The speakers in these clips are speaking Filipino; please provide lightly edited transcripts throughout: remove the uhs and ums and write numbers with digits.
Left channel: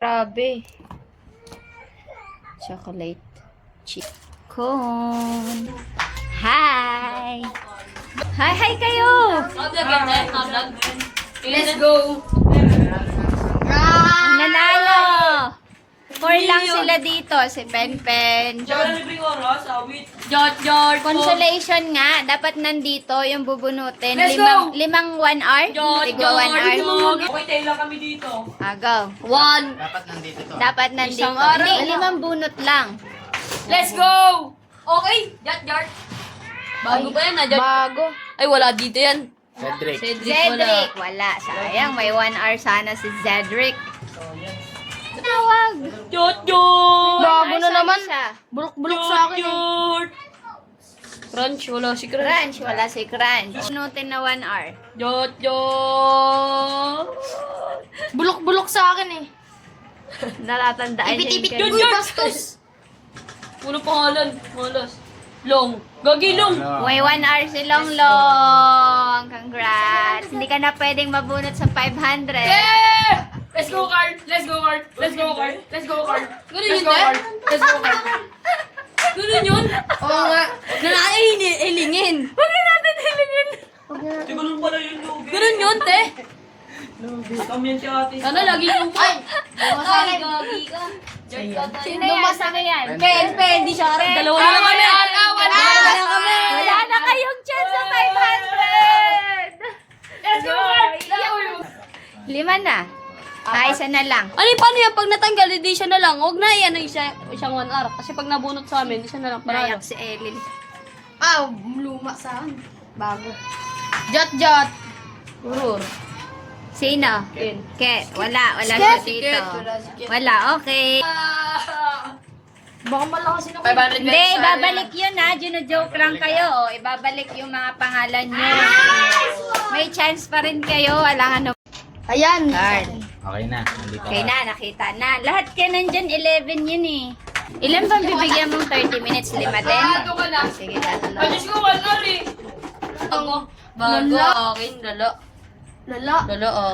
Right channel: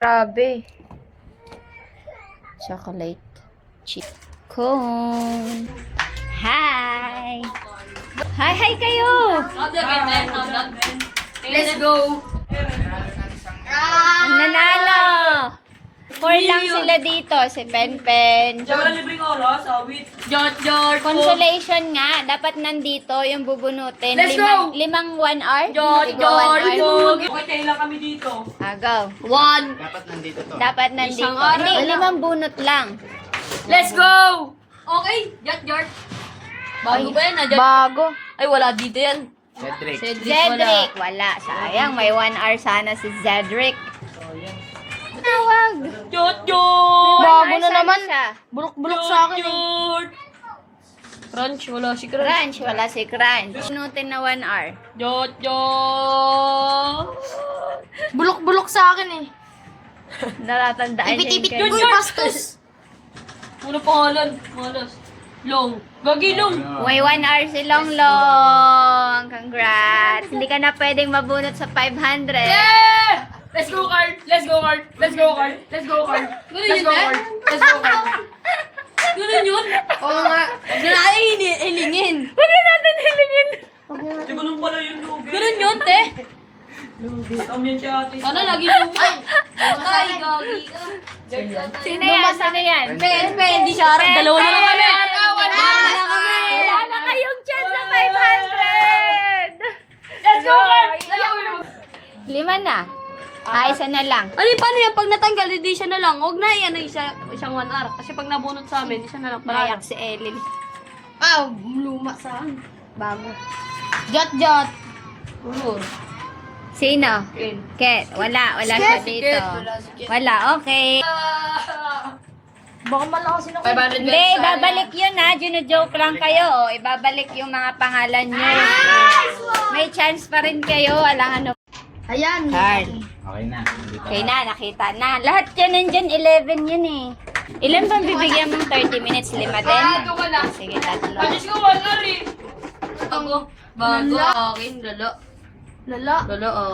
Grabe. Chocolate chip cone. Hi! Hi kayo! Let's go! Ang nanalo! 4 lang sila dito. Si Penpen. Consolation nga. Dapat nandito yung bubunutin. Let's go! Limang 1 hour? George, Tiga 1 hour. Okay, lang kami dito. Go. 1. Dapat nandito to. Dapat nandito. Isang araw. Hindi, 5 bunot lang. Let's go! Okay, George. Bago ba yan? Bago. Ay, wala dito yan. Cedric. Cedric. Wala. Sayang. May 1 hour sana si Cedric. Tawag. George! Bago na naman. Bulok-bulok sa akin eh. Crunch, wala si Crunch. Crunch. Wala si Crunch. Bunutin na 1 hour. George! Bulok-bulok sa akin eh. Natatandaan niya yung ganyan. Uy, bastos! Muna pangalan. Malas. Long. Gagi long. May 1 hour si Longlong. Congrats. Hindi ka na pwedeng mabunot sa 500. Yeah! Let's go, Carl! Let's go, Carl! Let's go, Carl! Let's go, Carl! Let's go, Carl! Let's go, Carl! Ganun yun? Oo nga. Hilingin. Huwag na natin hilingin. Ganun pala yung lugi. Ganun yun, te. Tam yan si ate. Sana lagi yung... Ay, gagi ka. Sino yan? Sino yan? Pen, di siya. Dalawa na lang kami. Wala na kami. Wala na kayong chance sa 500. Let's go, Carl! 5 na. Isa na lang. Ano yung paano yan? Pag natanggal, hindi siya na lang. Huwag na yan isang 1 hour. Kasi pag nabunot sa amin, hindi siya na lang. Nayak si Ellie. Luma sa akin. Bago. Jot. Urur. Sino? Ken. Ket. Wala siya dito. Wala, okay. Baka malakas na 500 Hindi, ibabalik yun ha. Gino-joke lang kayo. Ibabalik yung mga pangalan nyo. May chance pa rin kayo. Walang ano. Ayan. Carl. Okay na. Nandito Okay na, nakita na. Lahat yan nandyan, 11 yun eh. Ilan bang bibigyan mong 30 minutes? 5 din? Sige, tatlo. Diyos ko, 1 hour eh. Bago, akin, lala,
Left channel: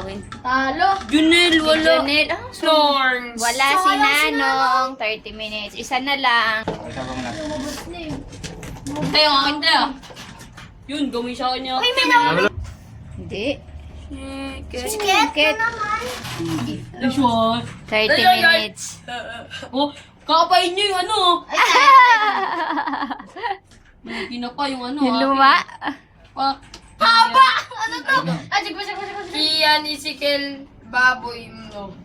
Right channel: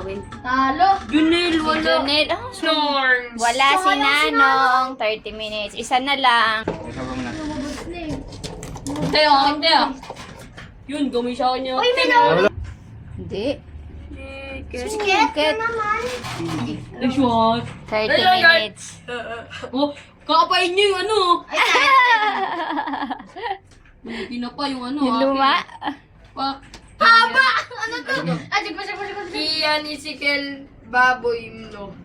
akin. Talo. Junel, Si Junel, Storms. wala si Nanong, 30 minutes. Isa na lang. Ikaw ba muna? Hindi, akin, te ah. Yun, gawin siya kanya. Uy, may Hindi. Si Ket. Ay, shot. 30 minutes. Oh, kakapain niyo yung ano. Hindi na pa yung ano. Yung luma. Pak. Haba! Ano to? Sige. Kian, Isikel, Baboy, no.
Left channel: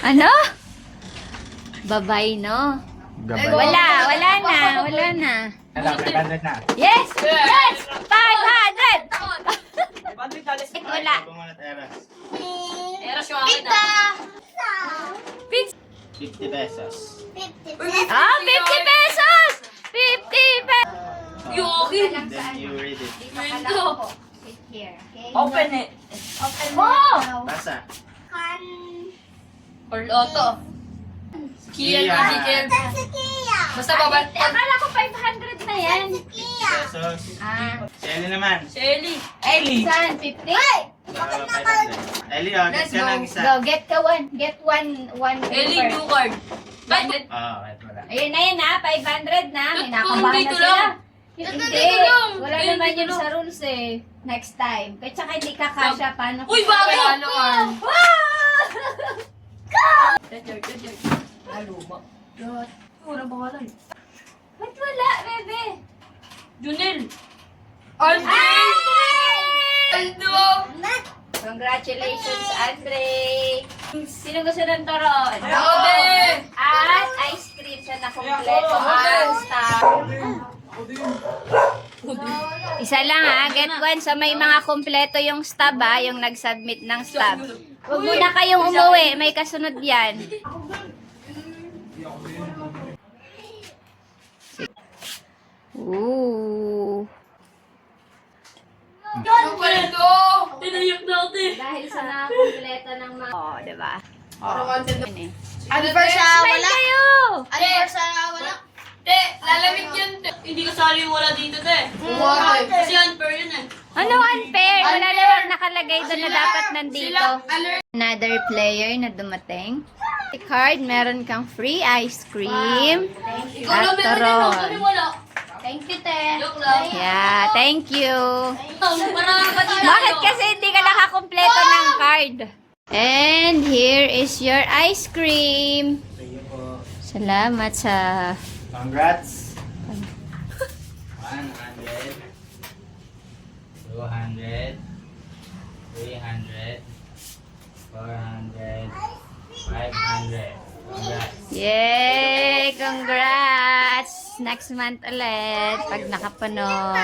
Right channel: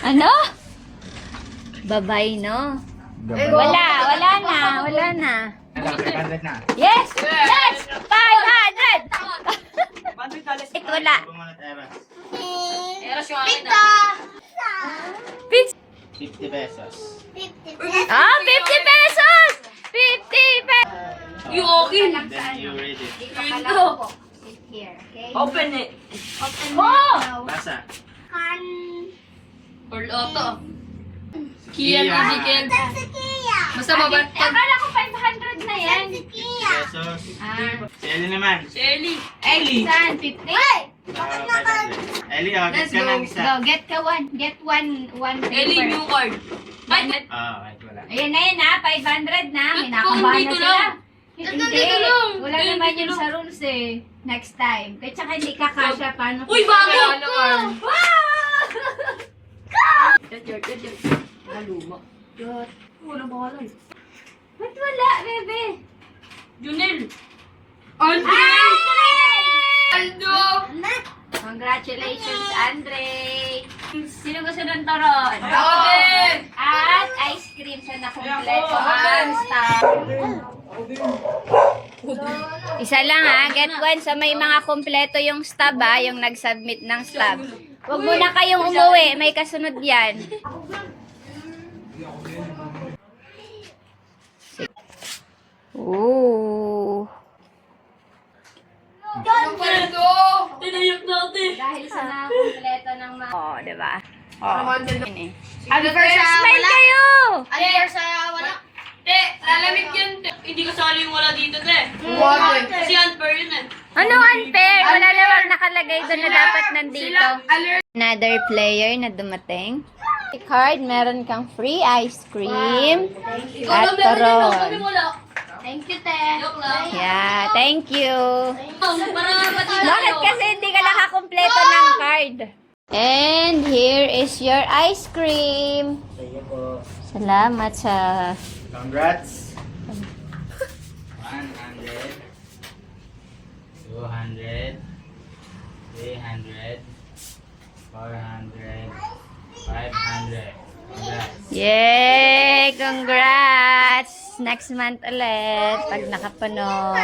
Ano? Babay, no? Wala na. Wala, 500 na. Yes! Yes! 500! Wala. Ikaw muna, Tera. Eras yung akin ah. 50 pesos. 50 pesos! 50 pesos! Yung akin. Then you read it. Ito. Here, okay? Open eh. mo! Basa. Or Otto. Kian, Isikel. Basta babat. Akala ko 500 na yan. 50 pesos. Ah. Si Ellie naman. Si Ellie. Saan? 50? 500. Ellie, oh, get ka ng isa. Go, get ka one. Get one Ellie, paper. new card. Ay, Wait, wala. Ayan na yan ha, 500 na. May Ito, nakabahan dito na sila. lang. Hindi, dito lang. wala Dito naman yun lang. sa rules eh. Next time. Kaya tsaka hindi ka kasha, paano? Uy, bago! Wow! George. Maluma. Good. Wala ba wala eh? Ba't wala, bebe? Junel. Andre! Aldo! Congratulations, Andre! Sino gusto ng toron? Ako din! At ice cream sa nakumpleto ang staff. Isa lang ha, get one sa may mga kumpleto yung stab ha, yung nag-submit ng stab. Huwag muna kayong umuwi, may kasunod yan. Ooh. Aldo! Tinayak na ako eh. Dahil sa nakakumpleto ng mga... Oh, diba? Oh, yun eh. Unfair sa Smile kayo! Unfair sa wala. Te, lalamig yun. Te. Hindi kasali yung wala dito, te. Kasi unfair yun eh. Ano unfair? Wala naman nakalagay doon na dapat nandito. Another player na dumating. Card, meron kang free ice cream Ikaw at lang meron yun, turon. kami wala. Thank you, te. Joke lang. Yeah, thank you. Para pati na Bakit kasi hindi ka nakakumpleto ng card? And here is your ice cream. Sige po. Salamat sa... Congrats. 100, 200, 300, 400, 500. Congrats. Yay! Congrats! Next month ulit pag nakapuno.